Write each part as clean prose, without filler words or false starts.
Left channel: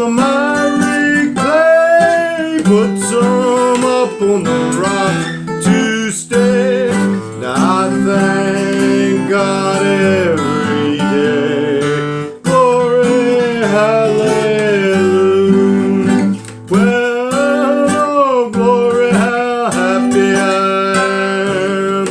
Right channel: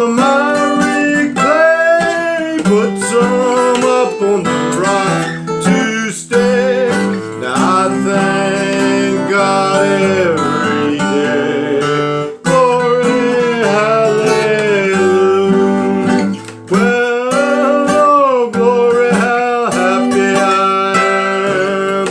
the miry clay, put some up on the rock to stay. Now I thank God every day. Glory, hallelujah. Well, oh glory, how happy I am.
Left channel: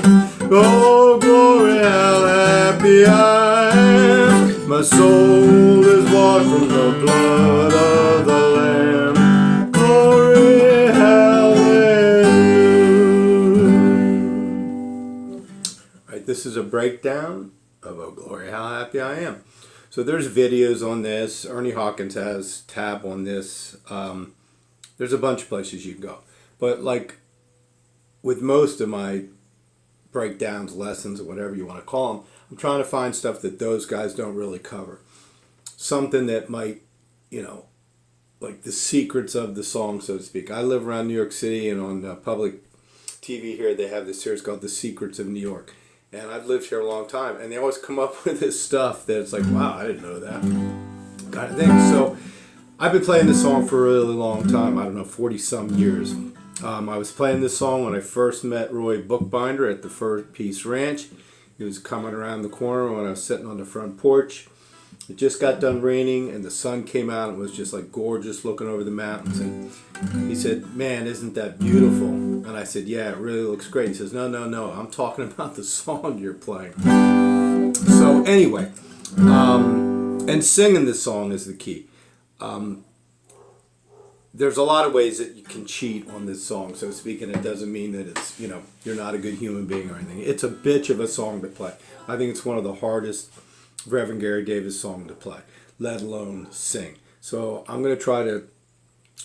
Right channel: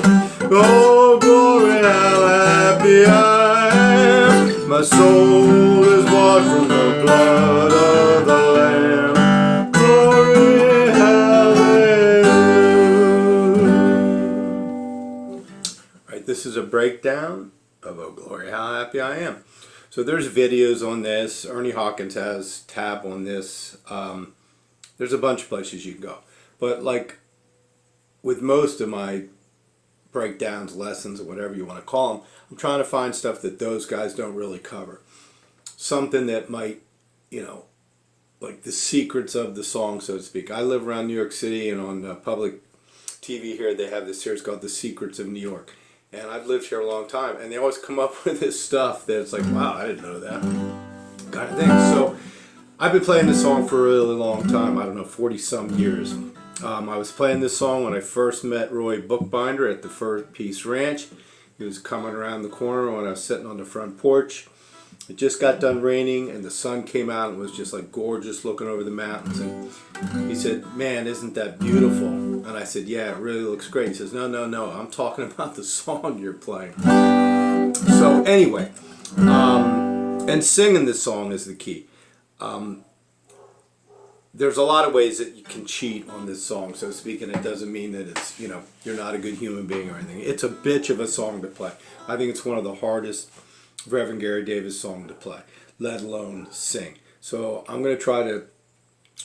Oh glory, how happy I am. My soul is washed from the blood of the Lamb. Glory, hallelujah. Right, this is a breakdown of Oh Glory, How Happy I Am. So there's videos on this. Ernie Hawkins has tab on this. There's a bunch of places you can go. But like with most of my breakdowns, lessons, or whatever you want to call them, I'm trying to find stuff that those guys don't really cover. Something that might, you know, like the secrets of the song, so to speak. I live around New York City, and on public TV here, they have this series called The Secrets of New York. And I've lived here a long time, and they always come up with this stuff that it's like, wow, I didn't know that kind of thing. So I've been playing this song for a really long time. I don't know, 40-some years. I was playing this song when I first met Roy Bookbinder at the First Peace Ranch. He was coming around the corner when I was sitting on the front porch. It just got done raining, and the sun came out and was just like gorgeous looking over the mountains. And he said, "Man, isn't that beautiful?" And I said, "Yeah, it really looks great." He says, "No, no, no, I'm talking about the song you're playing." So anyway, and singing this song is the key. There's a lot of ways that you can cheat on this song, so to speak, and it doesn't mean that it's, you know, you're not a good human being or anything. It's a bitch of a song to play. I think it's one of the hardest Reverend Gary Davis song to play, let alone sing. So I'm going to try to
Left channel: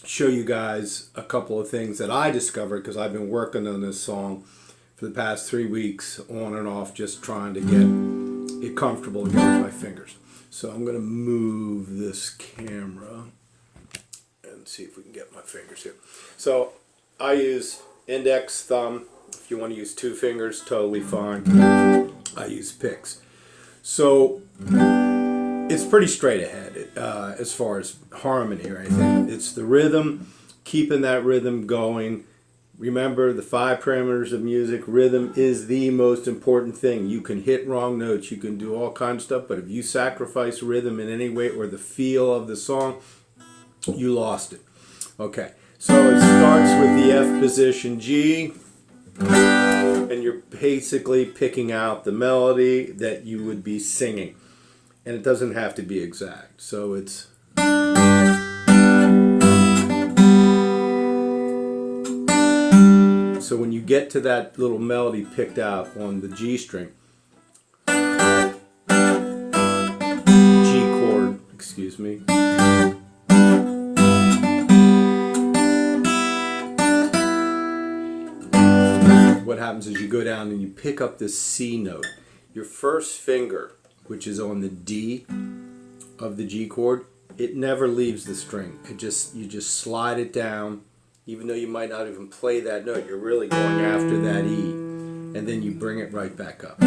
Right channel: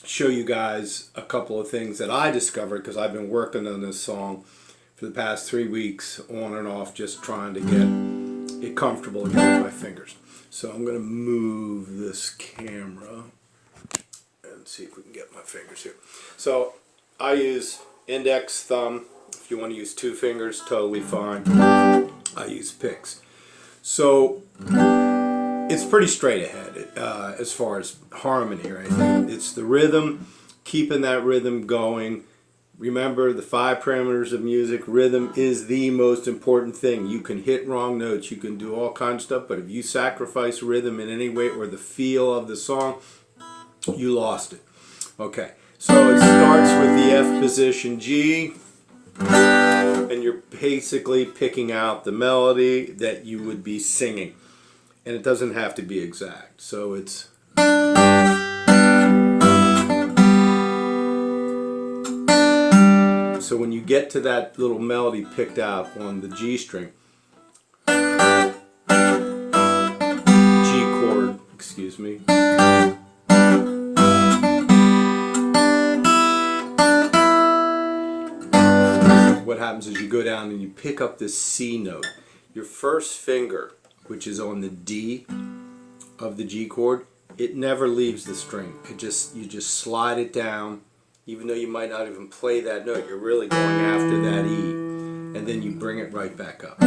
show you guys a couple of things that I discovered, because I've been working on this song for the past 3 weeks on and off, just trying to get it comfortable again with my fingers. So I'm going to move this camera and see if we can get my fingers here. So I use index, thumb. If you want to use 2 fingers, totally fine. I use picks. So it's pretty straight ahead as far as harmony or anything. It's the rhythm, keeping that rhythm going. Remember the 5 parameters of music. Rhythm is the most important thing. You can hit wrong notes, you can do all kinds of stuff, but if you sacrifice rhythm in any way or the feel of the song, you lost it. Okay, so it starts with the F position G, and you're basically picking out the melody that you would be singing, and it doesn't have to be exact. So it's so when you get to that little melody picked out on the G string, G chord, excuse me. What happens is you go down and you pick up this C note. Your first finger, which is on the D of the G chord, it never leaves the string. You just slide it down, even though you might not even play that note. You're really going after that E, and then you bring it right back up.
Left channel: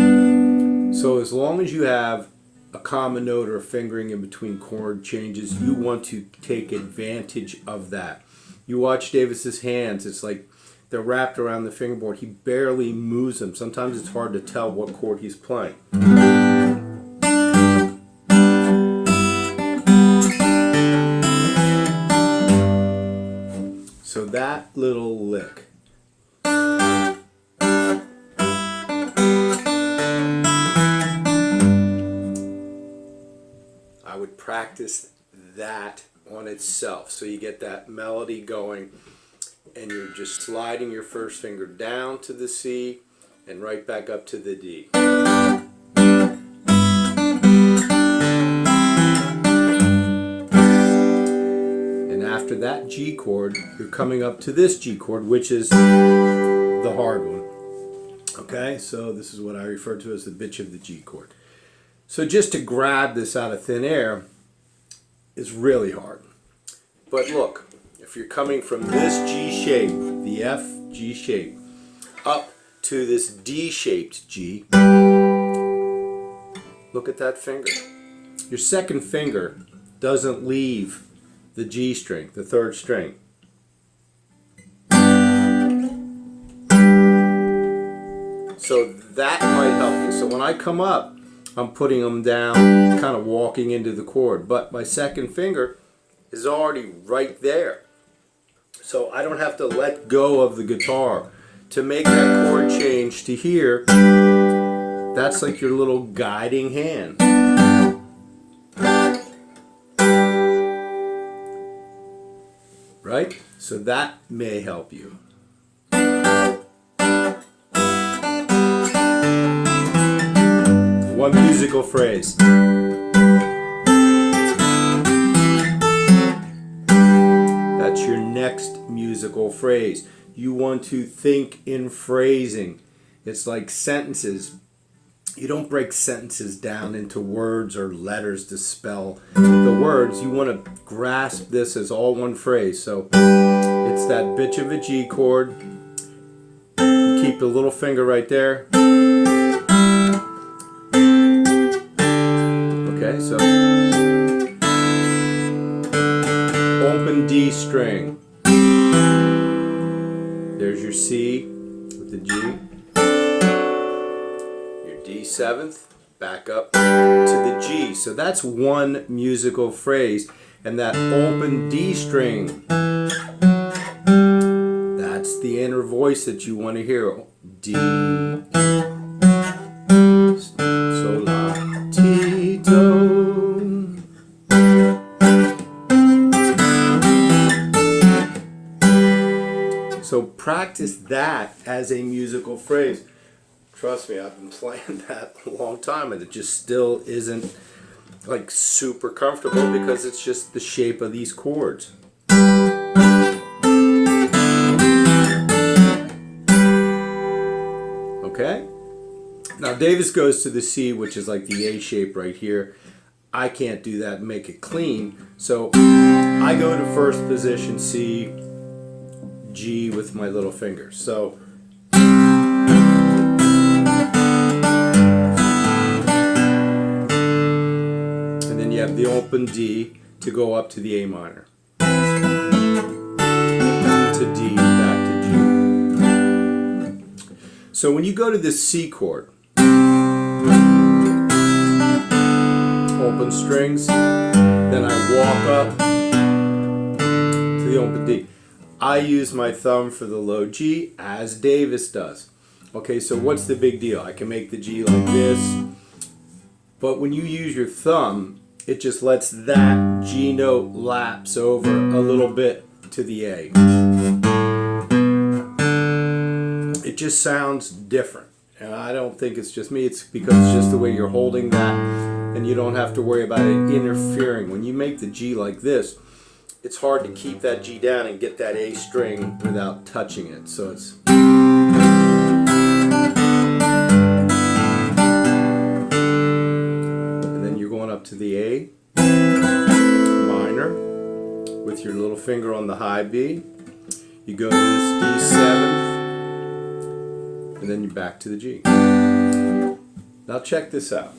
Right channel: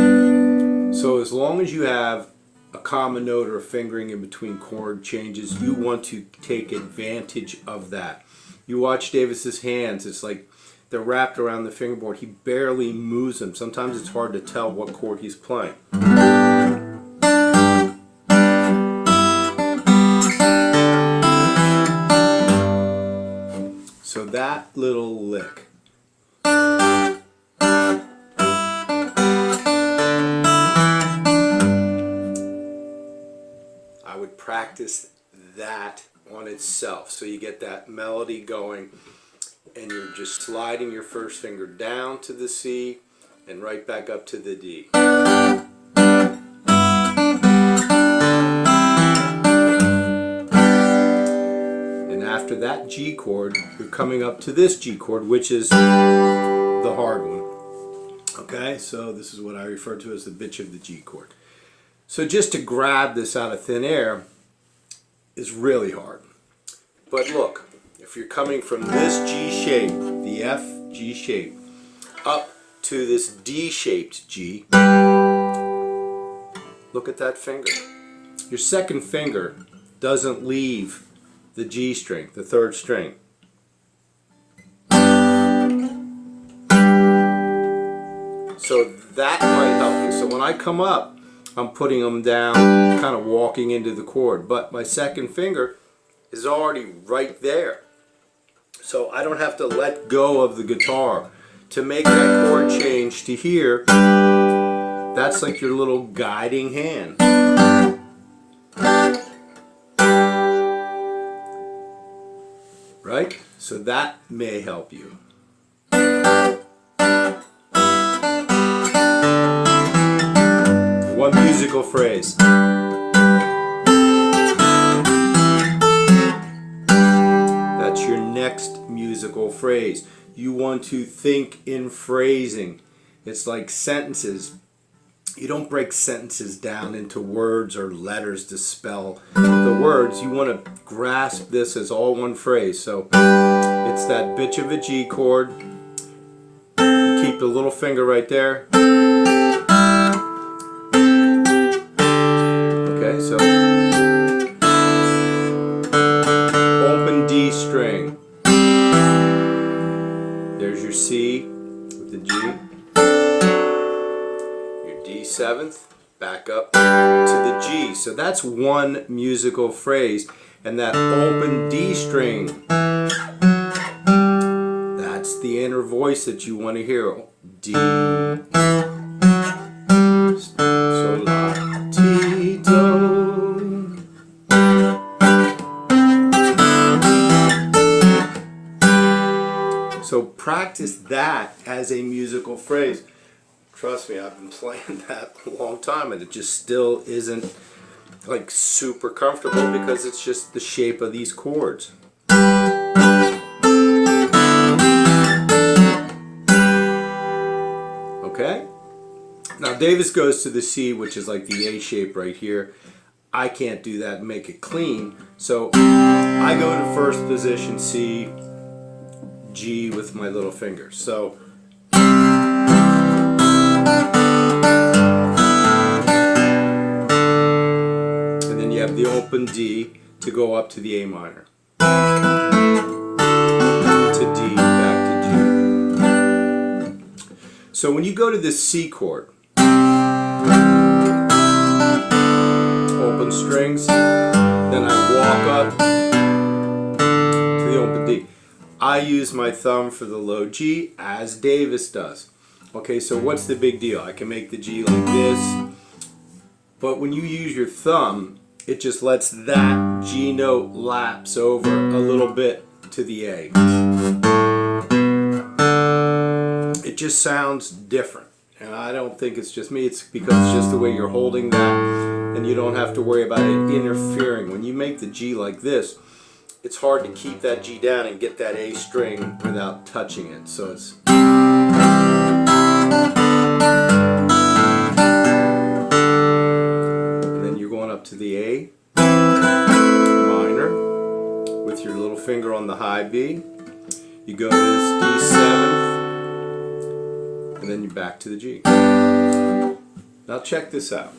So as long as you have a common note or a fingering in between chord changes, you want to take advantage of that. You watch Davis's hands, it's like they're wrapped around the fingerboard. He barely moves them. Sometimes it's hard to tell what chord he's playing. So that little lick. I would practice that on itself so you get that melody going. And you're just sliding your first finger down to the C and right back up to the D. And after that G chord, you're coming up to this G chord, which is the hard one. Okay, so this is what I refer to as the bitch of the G chord. So just to grab this out of thin air is really hard. But look, if you're coming from this G shape, the F G shape, up to this D-shaped G, look at that finger. Your second finger doesn't leave the G string, the third string. So that might help you. So when I come up, I'm putting them down, kind of walking into the chord, but my second finger is already right there. So I don't have to let go of the guitar. To make that chord change to here, that's like your little guiding hand. Right? So that may help you. One musical phrase. That's your next musical phrase. You want to think in phrasing. It's like sentences. You don't break sentences down into words or letters to spell the words. You want to grasp this as all one phrase. So it's that bitch of a G chord. Keep the little finger right there. Okay, so open D string. There's your C with the G. Your D7th, back up to the G. So that's one musical phrase. And that open D string, that's the inner voice that you want to hear. D, sol, la, ti, do. So practice that as a musical phrase. Trust me, I've been playing that a long time and it just still isn't like super comfortable because it's just the shape of these chords. Okay? Now Davis goes to the C, which is like the A shape right here. I can't do that and make it clean. So I go to first position C, G with my little finger. So and then you have the open D to go up to the A minor. To D, back to G. So when you go to this C chord, open strings, then I walk up to the open D. I use my thumb for the low G as Davis does. Okay, so what's the big deal? I can make the G like this, but when you use your thumb, it just lets that G note lapse over a little bit to the A. It just sounds different. And I don't think it's just me, it's because it's just the way you're holding that and you don't have to worry about it interfering. When you make the G like this, it's hard to keep that G down and get that A string without touching it. So it's... And then you're going up to the A minor with your little finger on the high B. You go to this D7th. And then you're back to the G. Now check this out.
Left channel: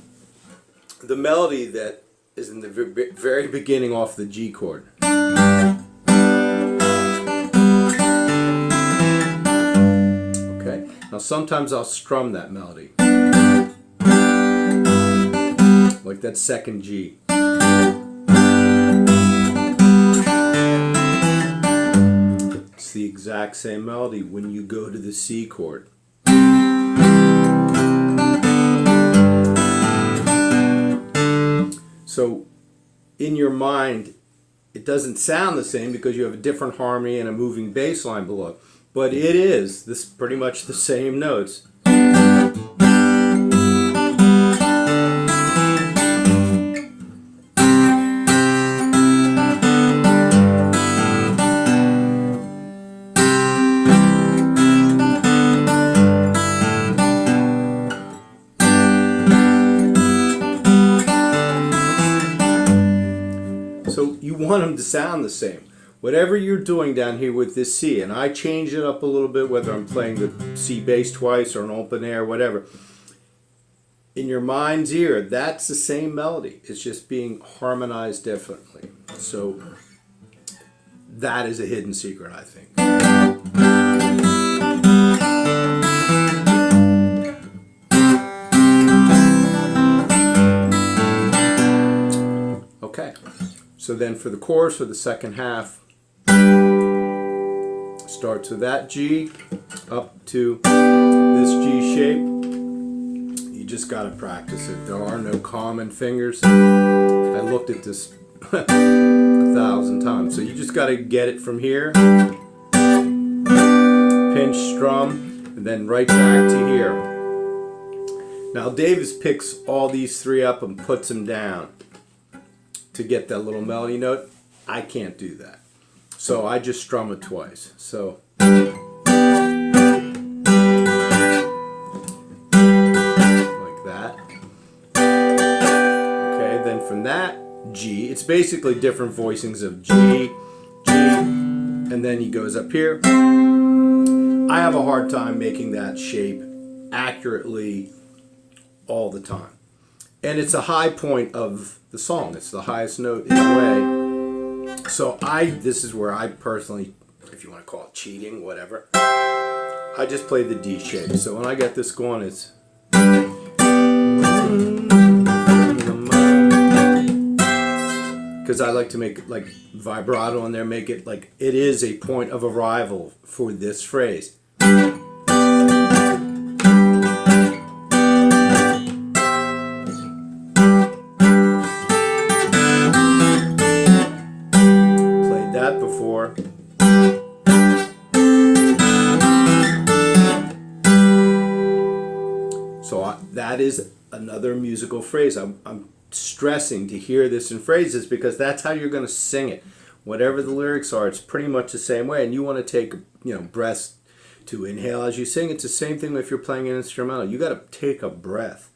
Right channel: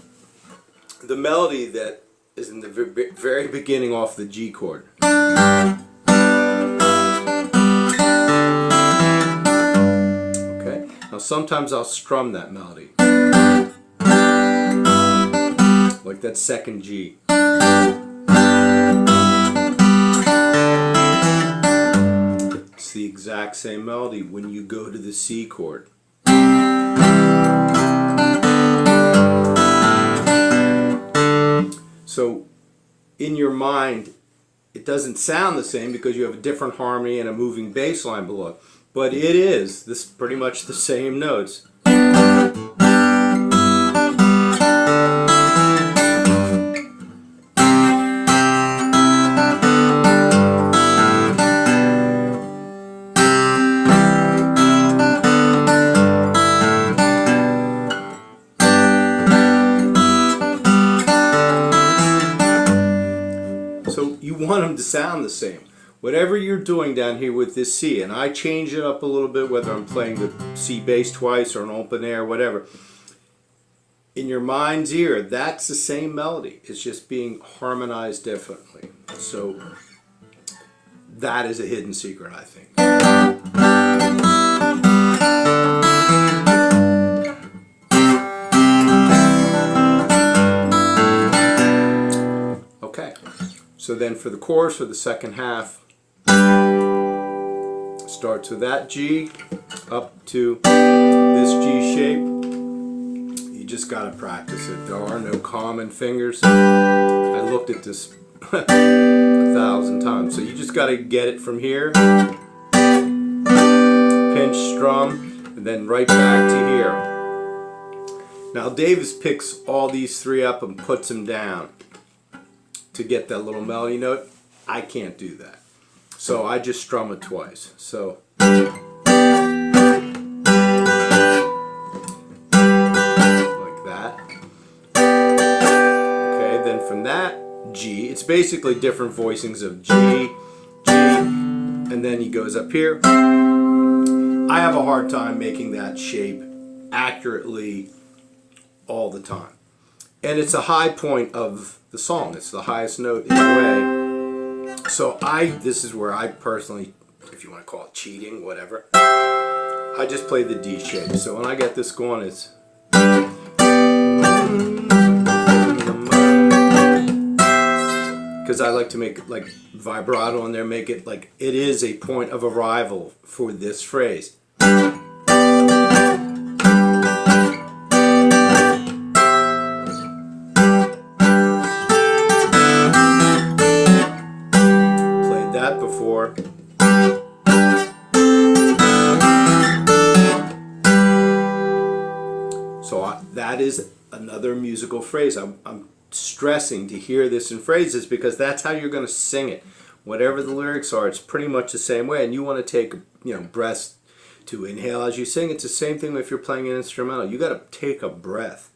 The melody that is in the very beginning off the G chord. Okay, now sometimes I'll strum that melody. Like that second G. It's the exact same melody when you go to the C chord. So in your mind, it doesn't sound the same because you have a different harmony and a moving bass line below. But it is pretty much the same notes. So you want them to sound the same. Whatever you're doing down here with this C, and I change it up a little bit, whether I'm playing the C bass twice or an open air, whatever. In your mind's ear, that's the same melody. It's just being harmonized differently. So that is a hidden secret, I think. Okay, so then for the chorus, for the second half, starts with that G up to this G shape. You just got to practice it. There are no common fingers. I looked at this 1,000 times. So you just got to get it from here, pinch, strum, and then right back to here. Now Davis picks all these three up and puts them down to get that little melody note. I can't do that. So I just strum it twice. So like that. Okay, then from that G, it's basically different voicings of G, G, and then he goes up here. I have a hard time making that shape accurately all the time. And it's a high point of the song. It's the highest note in a way. So this is where I personally, if you want to call it cheating, whatever, I just play the D shape. So when I get this going, it's because I like to make it like vibrato on there, make it like it is a point of arrival for this phrase. Before. So that is another musical phrase. I'm stressing to hear this in phrases because that's how you're going to sing it. Whatever the lyrics are, it's pretty much the same way. And you want to take, breaths to inhale as you sing. It's the same thing if you're playing an instrumental. You got to take a breath.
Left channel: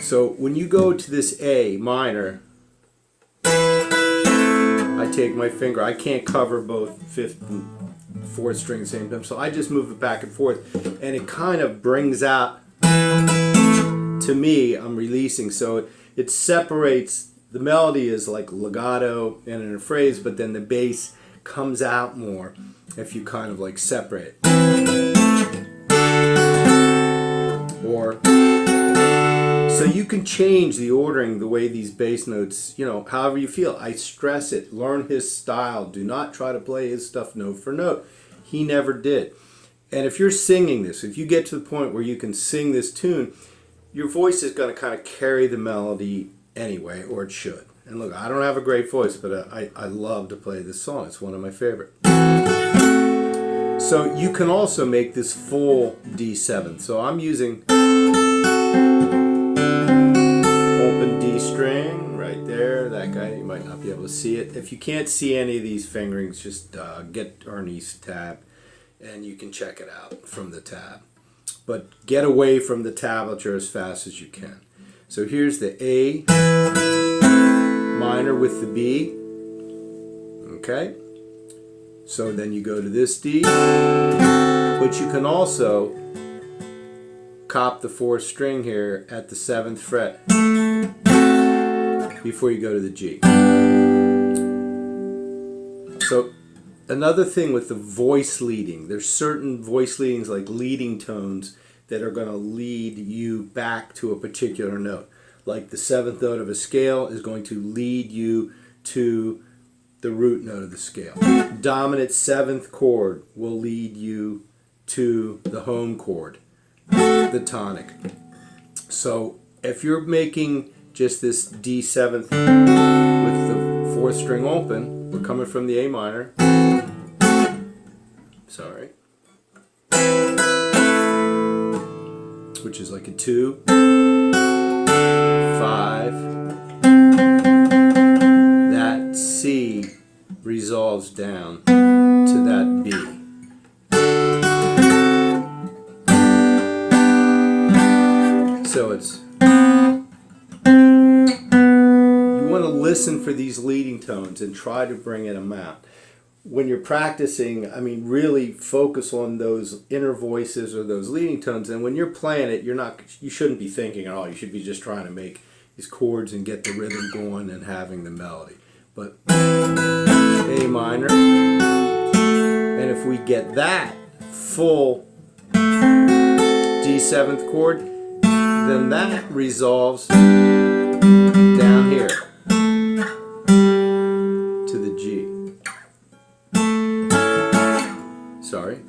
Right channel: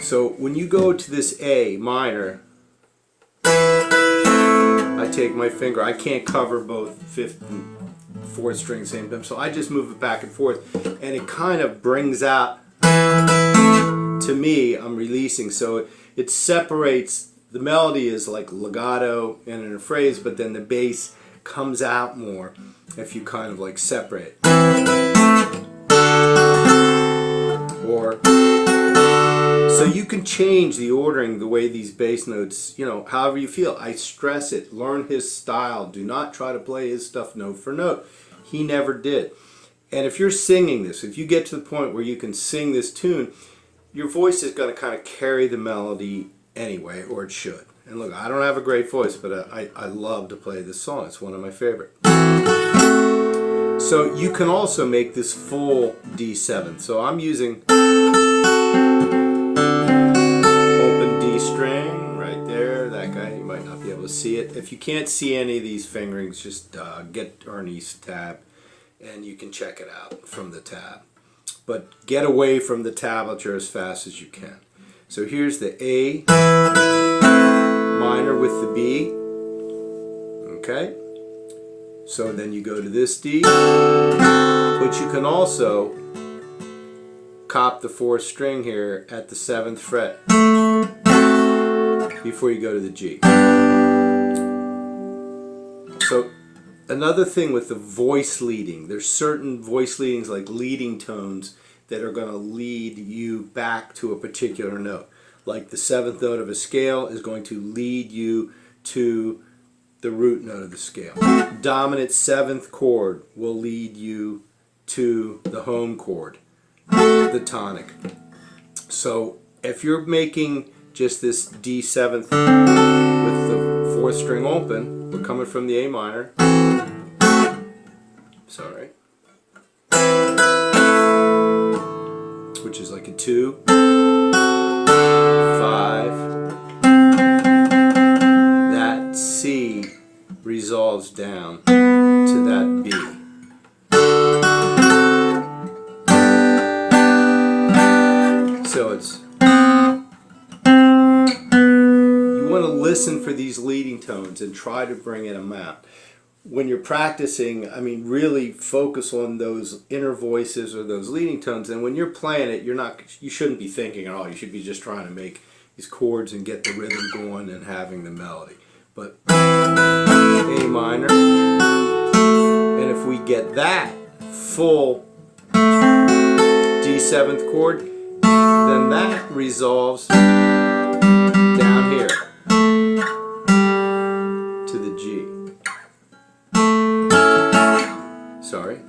So when you go to this A minor, I take my finger. I can't cover both fifth and fourth string at the same time, so I just move it back and forth, and it kind of brings out, to me, I'm releasing. So it separates, the melody is like legato and in a phrase, but then the bass comes out more if you kind of like separate. Or so you can change the ordering, the way these bass notes, however you feel. I stress it. Learn his style. Do not try to play his stuff note for note. He never did. And if you're singing this, if you get to the point where you can sing this tune, your voice is going to kind of carry the melody anyway, or it should. And look, I don't have a great voice, but I love to play this song. It's one of my favorite. So you can also make this full D7. So I'm using string right there, that guy, you might not be able to see it. If you can't see any of these fingerings, just get Ernie's tab and you can check it out from the tab. But get away from the tablature as fast as you can. So here's the A minor with the B. Okay. So then you go to this D, but you can also cop the fourth string here at the 7th fret before you go to the G. So another thing with the voice leading, there's certain voice leadings like leading tones that are going to lead you back to a particular note. Like the 7th note of a scale is going to lead you to the root note of the scale. Dominant 7th chord will lead you to the home chord, the tonic. So if you're making just this D7th with the 4th string open, we're coming from the A minor. Sorry. Which is like a 2, 5. That C resolves down to that B. So So it's, you want to listen for these leading tones and try to bring them out. When you're practicing, I mean, really focus on those inner voices or those leading tones. And when you're playing it, you shouldn't be thinking at all. You should be just trying to make these chords and get the rhythm going and having the melody. But A minor, and if we get that full D7th chord, then that resolves down here to the G. Sorry.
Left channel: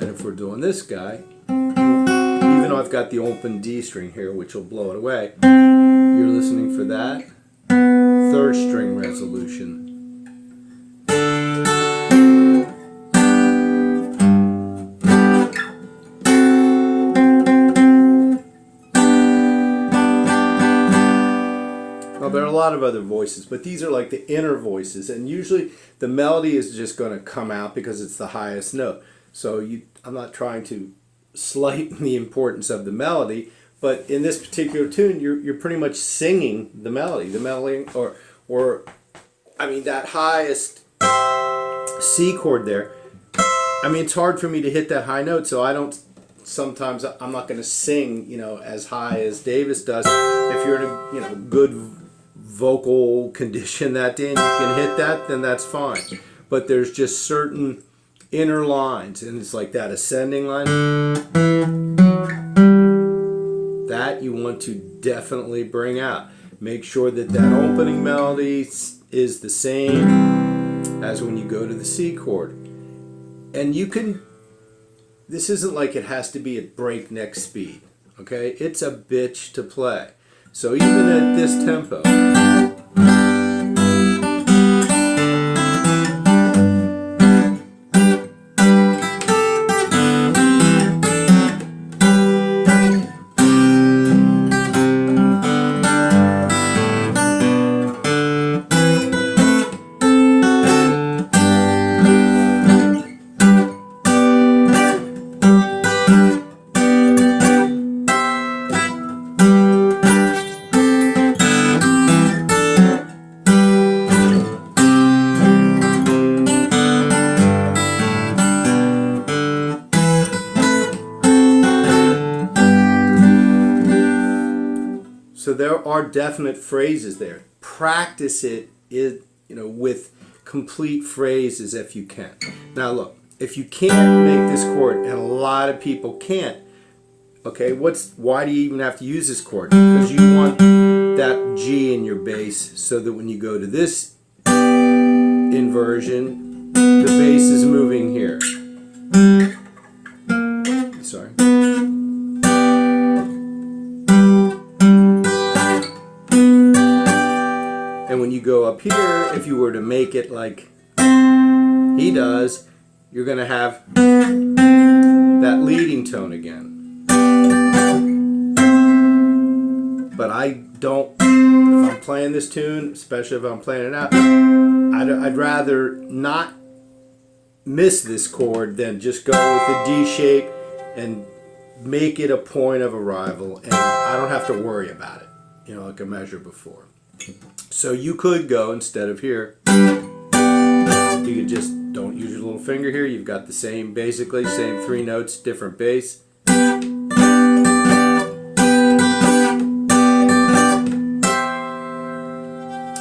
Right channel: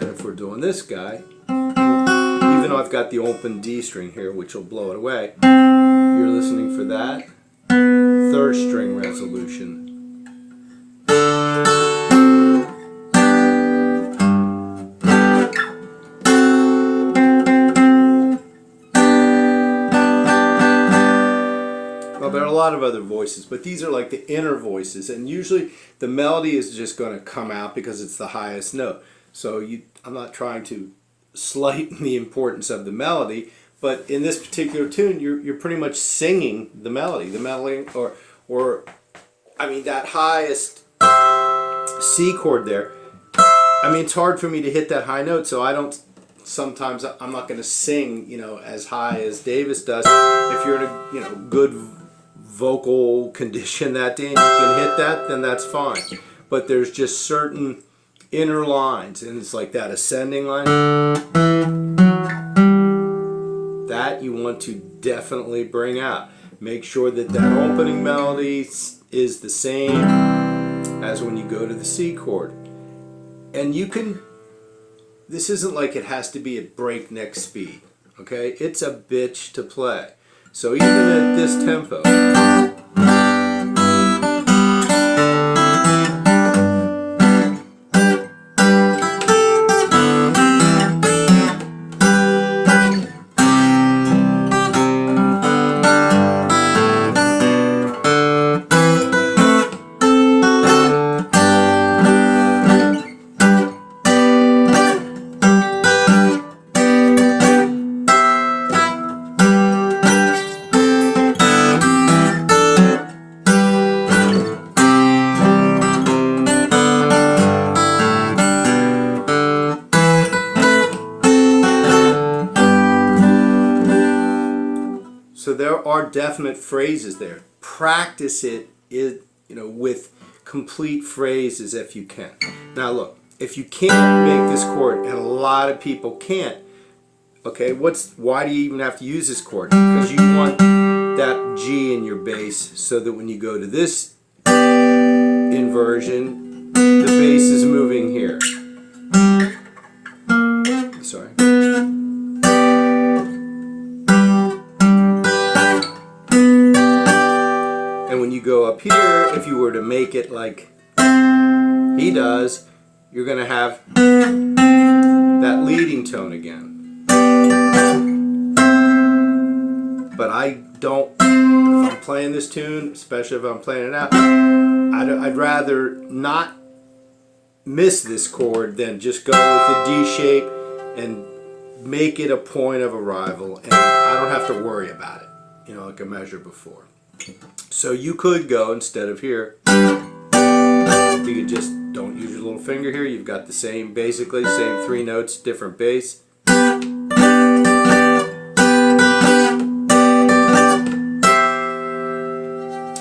And if we're doing this guy, even though I've got the open D string here, which will blow it away, you're listening for that third string resolution. Well, there are a lot of other voices, but these are like the inner voices, and usually the melody is just going to come out because it's the highest note. So I'm not trying to slight the importance of the melody, but in this particular tune, you're pretty much singing the melody, or I mean that highest C chord there. I mean, it's hard for me to hit that high note, so sometimes I'm not going to sing, as high as Davis does. If you're in a, good vocal condition that day and you can hit that, then that's fine. But there's just certain inner lines, and it's like that ascending line that you want to definitely bring out. Make sure that that opening melody is the same as when you go to the C chord. And this isn't like it has to be at breakneck speed, okay? It's a bitch to play. So even at this tempo, so there are definite phrases there. Practice it with complete phrases if you can. Now look, if you can't make this chord, and a lot of people can't, okay, why do you even have to use this chord? Because you want that G in your bass so that when you go to this inversion, the bass is moving here. Sorry. And when you go up here, if you were to make it like he does, you're going to have that leading tone again. But I don't, if I'm playing this tune, especially if I'm playing it out, I'd rather not miss this chord than just go with the D shape and make it a point of arrival, and I don't have to worry about it, like a measure before. So you could go, instead of here, you could just don't use your little finger here. You've got the same, basically, same three notes, different bass.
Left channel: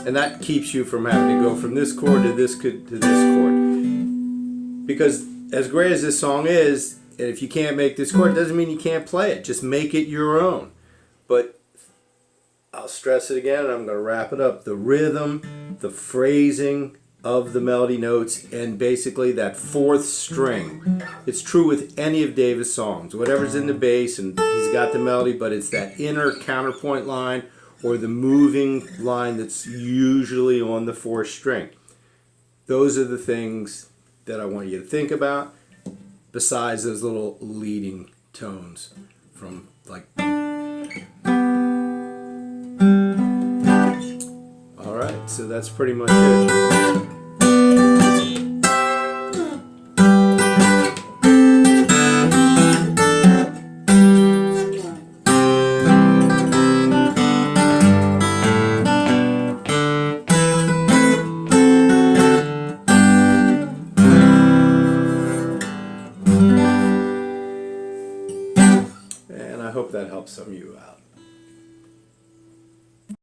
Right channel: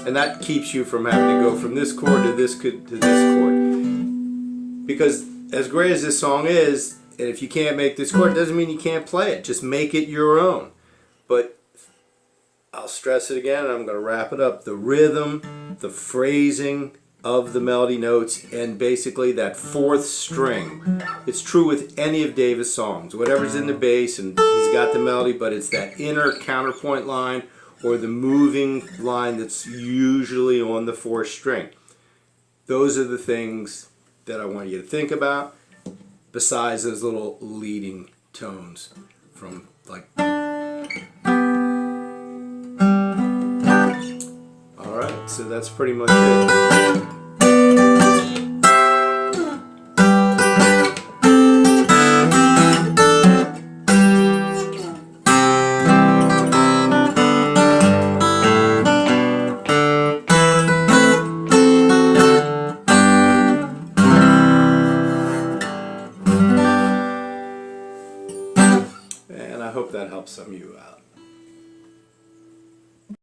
And that keeps you from having to go from this chord to this chord. Because as great as this song is, if you can't make this chord, it doesn't mean you can't play it. Just make it your own. But I'll stress it again, and I'm going to wrap it up. The rhythm, the phrasing of the melody notes, and basically that fourth string. It's true with any of Davis' songs. Whatever's in the bass, and he's got the melody, but it's that inner counterpoint line or the moving line that's usually on the fourth string. Those are the things that I want you to think about, besides those little leading tones from like... All right. so that's pretty much it. And I hope that helps some of you out.